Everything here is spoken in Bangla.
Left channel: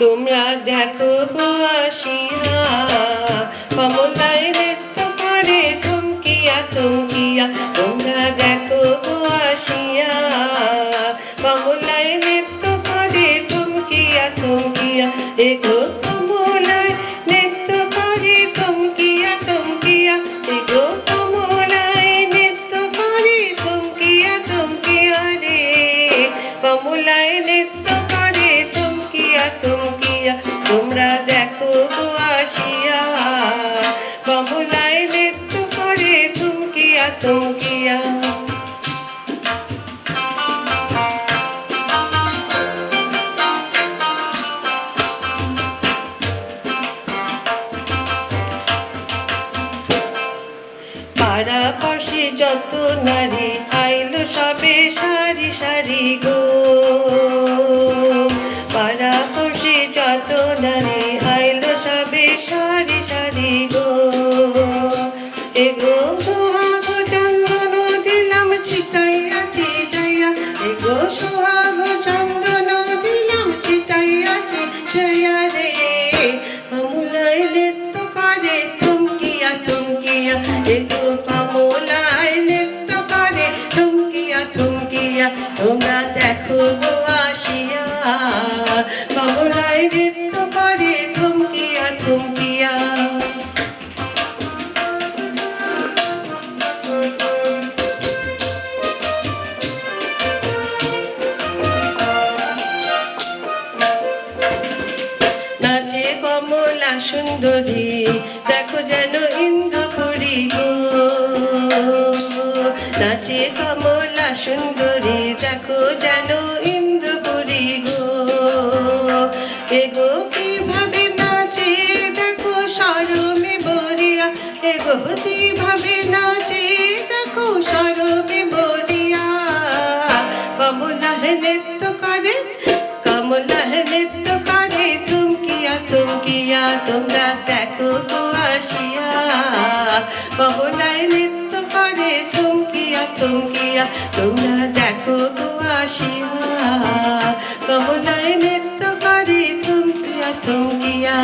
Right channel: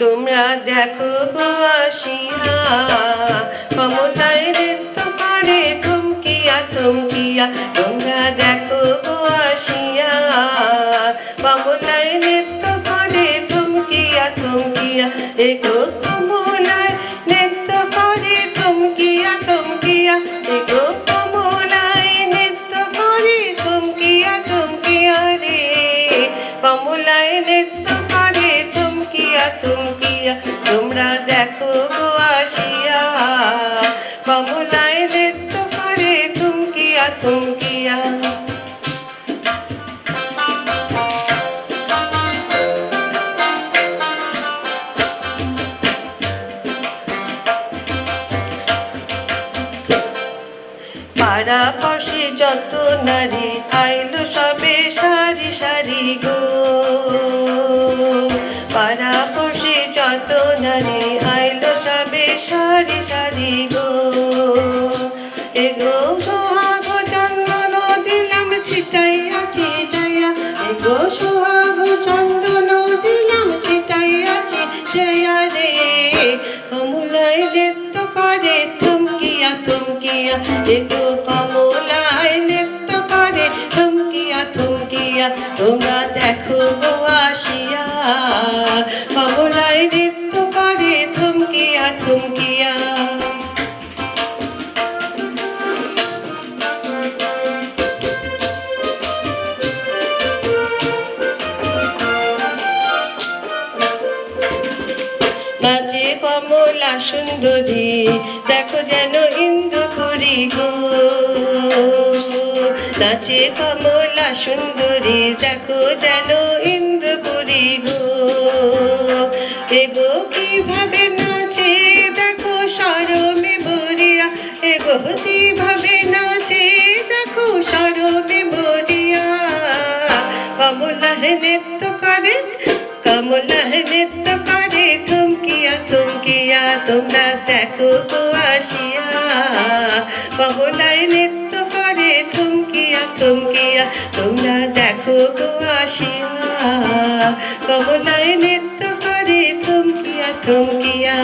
দেখো গো আসিয়া। কমলায় নৃত্য করে থমকিয়া থমকিয়া তোমরা দেখো আসিয়া। কমলায় নৃত্য করে থমকিয়া থমকিয়া দেখো কমলায় নৃত্য করে থমকিয়া থমকিয়া দেখো কমলায় নৃত্য করে থমকিয়া থমকিয়া রে। কমলায় নৃত্য করে থমকিয়া থমকিয়া তোমরা দেখো গো আসিয়া। কমলায় নৃত্য করে থমকিয়া থমকিয়া পাড়া পশে যত নারী, আইলো সবে সারি সারি গো। নারী আইলো সবে সারি সারি গো। এগো সোহাগ চন্দন দিলাম, ছিটাইয়া ছিটাইয়া। এগো সোহাগ চন্দন দিলাম, ছিটাইয়া ছিটাইয়া রে। কমলায় নৃত্য করে, থমকিয়া থমকিয়া। এগো কমলায় নৃত্য করে, থমকিয়া থমকিয়া। তোমরা দেখো গো আসিয়া। কমলায় নৃত্য সুন্দরী, দেখো যেন ইন্দ্রপুরী গো। নাচে কমলা সুন্দরী, দেখো যেন ইন্দ্রপুরী গো। এগো কীভাবে নাচে, দেখো সরমে বরিয়া এগো কীভাবে নাচে, দেখো সরমে বরিয়া কমলা নৃত্য কমলা নৃত্য করে থমকিয়া থমকিয়া তোমরা দেখো তো আসিয়া কমলায় নৃত্য করে থমকিয়া থমকিয়া তোমরা দেখো তো আসিয়া কমলায় নৃত্য করে থমকিয়া থমকিয়া